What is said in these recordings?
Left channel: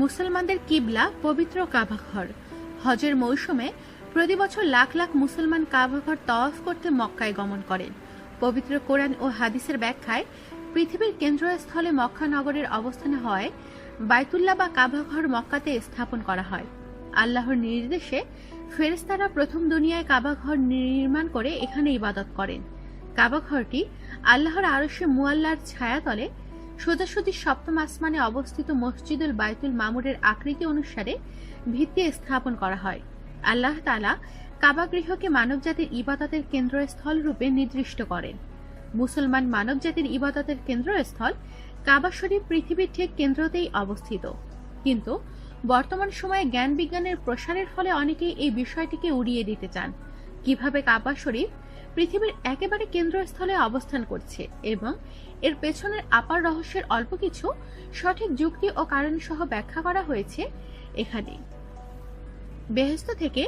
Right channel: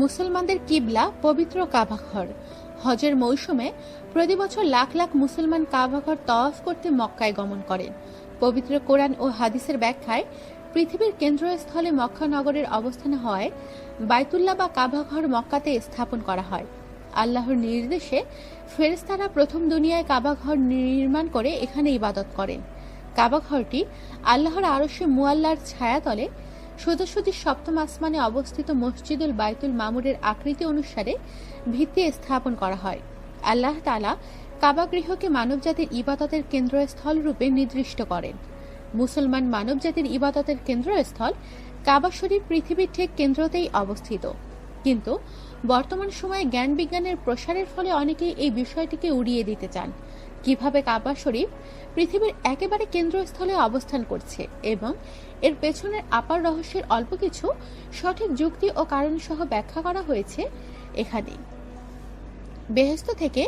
মুসলমানদের কিবলা পবিত্র কাবাঘর। হজের মৌসুমে প্রতি বছর লাখ লাখ মুসলমান কাবাঘর তওয়াফ করতে মক্কায় গমন করেন। পবিত্র কোরআন ও হাদিসের ব্যাখ্যায় পৃথিবীর কেন্দ্রস্থলে মক্কা নগরের অবস্থানে হওয়ায় বাইতুল্লাহ বা কাবাঘর মক্কাতে স্থাপন করা হয়। আল্লাহর নির্দেশে ফেরেশতারা প্রথম দুনিয়ায় কাবাঘর নির্মাণ করে এখানে ইবাদত করেন। কাবাঘরটি আল্লাহর আরশে মুআল্লার ছায়াতলে সোজাসুজি সপ্তম আসমানে অবস্থিত মসজিদুল বাইতুল মামুরের আকৃতি অনুসারে ভিত্তি স্থাপন করা হয়। আল্লাহ তাআলা কাবা গৃহকে মানবজাতির ইবাদতের কেন্দ্রস্থল রূপে নির্দিষ্ট করেন। মুসলমান মানবজাতির ইবাদতের কেন্দ্রস্থল কাবা শরীফ পৃথিবীর ঠিক কেন্দ্রতেই অবস্থিত। কিন্তু বর্তমান সময়ে জ্ঞান বিজ্ঞানের প্রসারের ফলে অনেকেই এই বিষয়টিকে উড়িয়ে দিতে চান। কিভাবে কাবা শরীফ পৃথিবীর একেবারে কেন্দ্রস্থলে অবস্থান করছে এবং এর পেছনের আপার রহস্যের অল্প কিছু সঠিক যুক্তি ও কারণ সহ ব্যাখ্যা করা হয়েছে এখানে। বেহেশত থেকে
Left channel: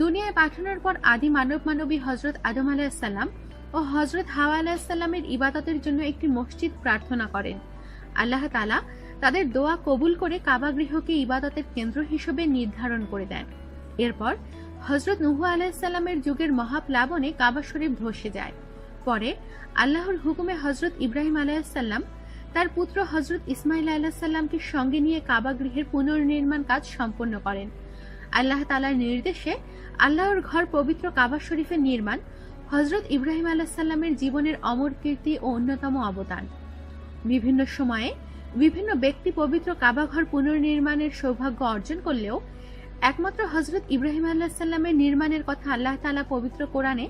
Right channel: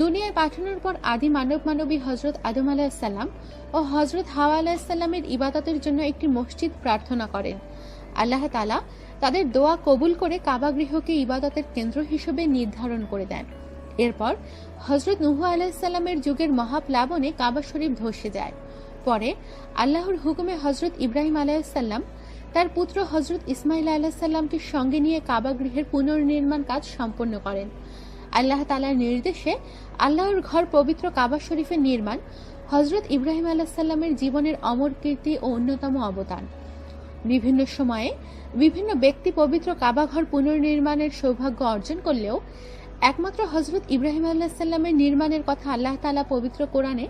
দুনিয়ায় পাঠানোর পর আদি মানবী হযরত আদম আলাইহিস সালাম ও হযরত হাওয়া আলাইহিস সালামের ইবাদতের জন্য একটি মসজিদ প্রার্থনা করেন। আল্লাহ তাআলা তাদের দোয়া কবুল করে কাবা গৃহকে ইবাদতের কেন্দ্র হিসেবে নির্ধারণ করে দেন। এরপর হযরত নূহ আলাইহিস সালামের যুগের মহাপ্লাবনে কাবা শরীফ ধসে যায়। পরে আল্লাহর হুকুমে হযরত ইব্রাহিম আলাইহিস সালাম তার পুত্র হযরত ইসমাঈল আলাইহিস সালামকে সঙ্গে নিয়ে কাবা গৃহের পুনর্নির্মাণ কাজ সম্পন্ন করেন। আল্লাহ তাআলার নির্দেশে আল্লাহর ঘর পবিত্র কাবা শরীফের নির্মাণ হযরত ইব্রাহিম আলাইহিস সালামের জীবনের অমর কীর্তি ও অন্যতম অবদান। বিভিন্ন সময়ে বিভিন্ন ব্যক্তি পবিত্র কাবা ঘর পুনর্নির্মাণের সৌভাগ্য অর্জন করলেও একমাত্র হযরত ইব্রাহিম আলাইহিস সালামের নির্মাণের কথা আল্লাহ তাআলা পবিত্র কোরআনে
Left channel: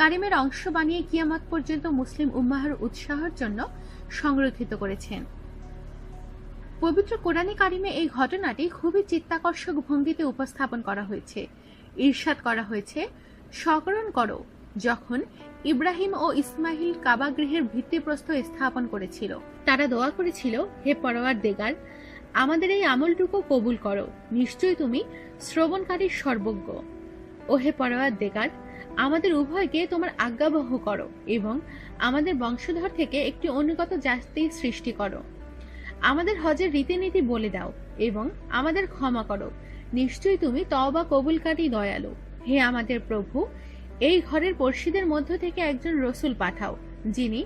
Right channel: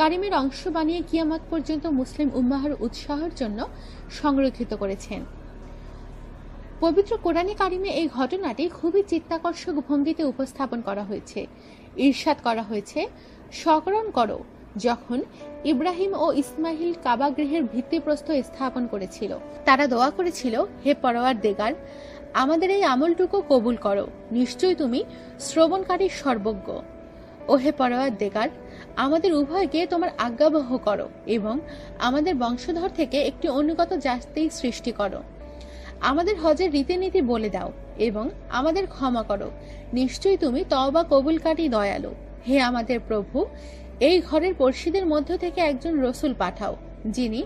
কারিমের অংশ বানিয়ে কিয়ামত পর্যন্ত মুসলিম উম্মাহর উৎসাহের জন্য সংরক্ষিত করেছেন। পবিত্র কোরআনে কারিমে এই ঘটনাটি খুবই চিত্তাকর্ষক ভঙ্গিতে উপস্থাপন করা হয়েছে। ইরশাদ করা হয়েছে, স্মরণ করো যখন ইব্রাহিম ও ইসমাইল কাবা গৃহের ভিত্তিপ্রস্তর স্থাপন করেছিল। তারা দোয়া করেছিল, হে পরওয়ারদিগার, আমাদের এই আমলটুকু কবুল করো, নিশ্চয়ই তুমি শ্রবণকারীর সর্বজ্ঞ। ও হে পরওয়ারদিগার, আমাদের উভয়কে তোমার আজ্ঞাবহ করো এবং আমাদের বংশধর থেকে একটি অনুগত জাতি সৃষ্টি করো। আমাদের হজের রীতিনীতি বলে দাও এবং আমাদের ক্ষমা করো, নিশ্চয়ই তুমি তওবা কবুলকারী দয়ালু। হে আমাদের প্রভু, এই ঘরের পড়শিদের মধ্য থেকে একজন রসুল পাঠাও, যিনি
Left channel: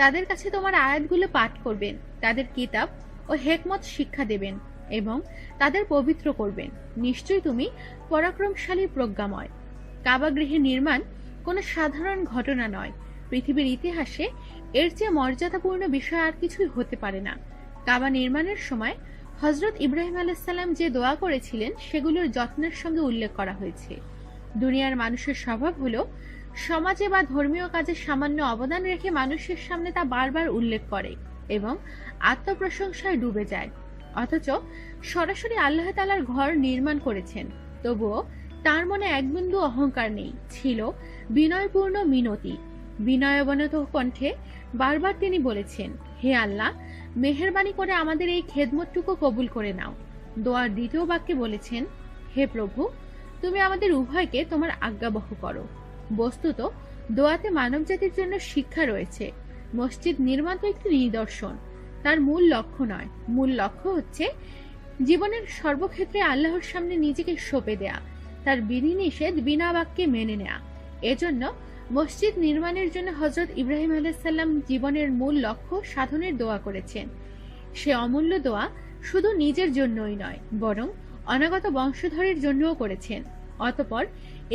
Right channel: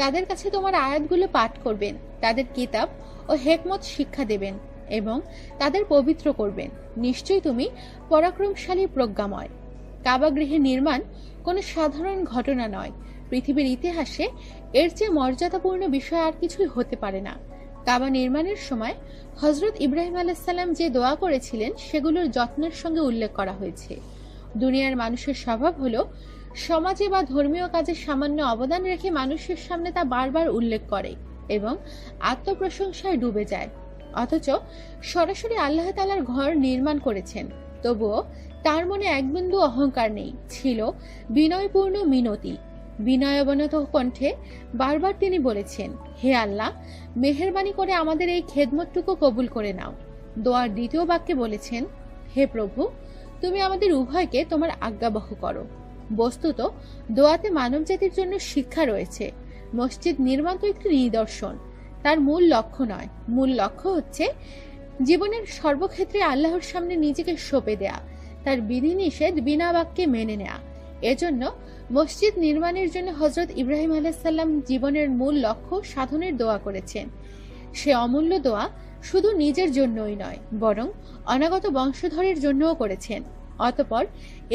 তাদের কাছে তোমার আয়াতগুলো পাঠ করবেন, তাদের কিতাব ও হেকমত শিক্ষা দেবেন এবং তাদের পবিত্র করবেন। নিশ্চয়ই তুমি পরাক্রমশালী প্রজ্ঞাময়। কাবা গৃহের নির্মাণ কোনো সাধারণ ঘটনা নয়। পৃথিবীর ইতিহাসে এর চেয়ে মর্যাদাপূর্ণ বিষয় আর কিছুই হতে পারে না। কাবা নির্মাণের সময় হযরত ইব্রাহিম আলাইহিস সালাম যে দোয়া করেছিলেন সেগুলোর যত্নের সঙ্গে উল্লেখ করা হয়েছে। দুনিয়ার মানুষের স্বভাব হলো সমাজে বা ধর্মীয় কাজে সামান্য অবদান রেখে মানুষের সামনে তা বারবার উল্লেখ করে এবং আত্মপ্রশংসায় ডুবে যায়। অথচ সরাসরি আল্লাহ তাআলার ঘর নির্মাণ করেছেন, তবুও তার মনে এক বিন্দু অহংকার নেই, ছিল বিনয়পূর্ণ মিনতি। বিনয়াবনত কণ্ঠে বারবার তিনি বলেছেন, হে আল্লাহ, মেহেরবানি করে আমাদের এই খেদমতটুকু কবুল করে নাও। দোয়ার দ্বিতীয় বাক্যে বলেছেন, হে প্রভু, তুমি আমাদের উভয়কে তোমার আজ্ঞাবহ করো। বস্তুত দোয়াতে মানবজাতির জন্য শিক্ষা রয়েছে। মসজিদ নির্মাণ তো একটি নিদর্শন, তার মূল লক্ষ্য নয়। মূল লক্ষ্য হচ্ছে জীবনের সর্বক্ষেত্রে আল্লাহর সামনে নিজেকে সঁপে দেয়া, তার বিধিনিষেধ বিনা বাক্যে মেনে নেয়া। এজন্য মসজিদ নির্মাণের জন্য হযরত ইব্রাহিম আলাইহিস সালাম জীবনের মূল লক্ষ্য সাধনের দোয়া করেছেন। সে অমূল্য দোয়া শুধু নিজের জন্যই নয়, বরং অনাগত বংশধরের জন্যও করেছেন। অতঃপর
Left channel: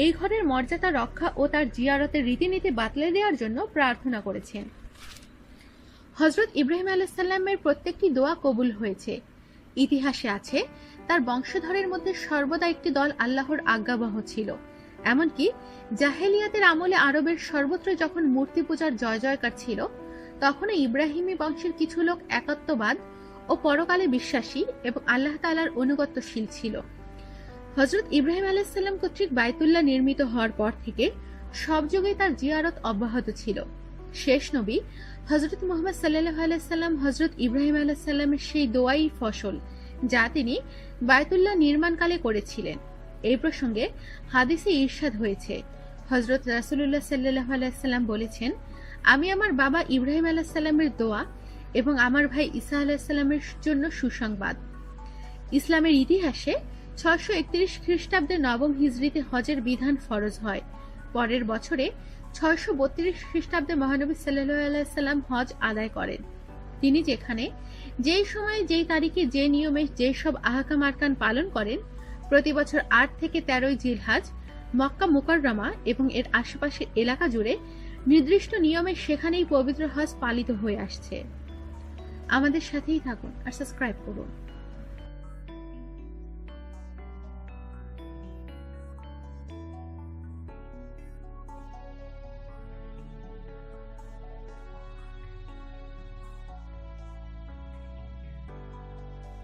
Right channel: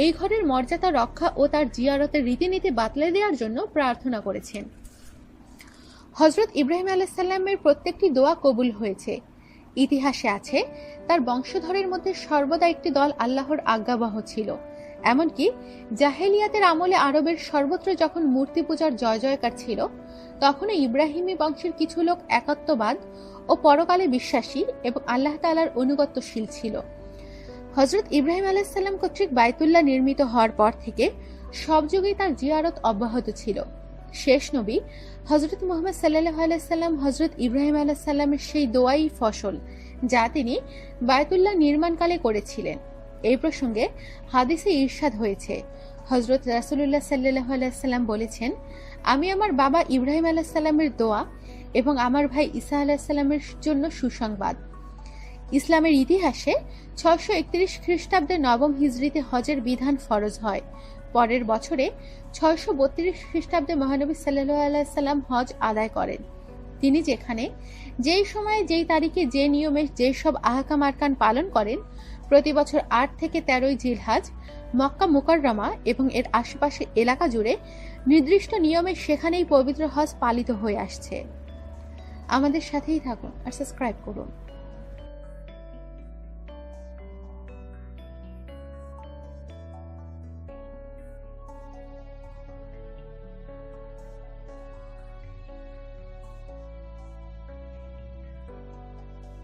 এই ঘরের মর্যাদা রক্ষা ও তার জিয়ারতের রীতিনীতি বাতলে দেওয়ার জন্য প্রার্থনা করেছেন। হযরত ইব্রাহিম আলাইহিস সালামের প্রত্যেকটি দোয়া কবুল হয়েছে। ইতিহাসে আছে, তার বংশধরের মধ্যে সর্বদা একটি দল আল্লাহর আজ্ঞাবহ ছিল। এমনকি জাহেলিয়াতের আমলে আরবের সর্বত্র যখন মূর্তি পূজার জয় জয়কার ছিল, তখনও ইব্রাহিমী বংশের কিছু লোক একাত্মবাদ ও পরকালে বিশ্বাসী এবং আল্লাহ তাআলার অনুগত্যশীল ছিল। হযরত ইব্রাহিম আলাইহিস সালাম কর্তৃক বাইতুল্লাহ নির্মিত হওয়ার পর থেকে সব যুগেই তার জিয়ারত অব্যাহত ছিল। শেষ নবী হযরত মুহাম্মদ সাল্লাল্লাহু আলাইহি সাল্লাম হযরত ইব্রাহিম আলাইহিস সালামের সেই দোয়াই ফসল, যা তিনি বাইতুল্লাহ নির্মাণকালে করেছিলেন। এই প্রসঙ্গে হাদিসে ইরশাদ হয়েছে, হযরত রাসূলুল্লাহ সাল্লাল্লাহু আলাইহি সাল্লাম বলেছেন, আমি আমার বাবা ইব্রাহিম আলাইহিস সালামের দোয়া এবং আমার ভাই ঈসা আলাইহিস সালামের জন্য সুসংবাদ। ইসলামের ইতিহাসে 631 খ্রিস্টাব্দে নবম হিজরিতে হজের বিধান ফরজ হয়। পরের বছরে 632 খ্রিস্টাব্দে মহানবী সাল্লাল্লাহু আলাইহি সাল্লাম হজ আদায় করেন। তিনি যেখানে, যেই সময়ে, যেই তারিখে, যে নিয়মে যেসব আহকাম আরকান পালন করেন, প্রতি বছর 8 থেকে 13 জিলহজ মক্কা মুকাররমা এবং এর আশেপাশে এলাকা জুড়ে নির্দিষ্ট নিয়মে সেখানেই পবিত্র হজ পালিত হয়ে আসছে। আমাদের সাথেই থাকুন আর সাবস্ক্রাইব করুন।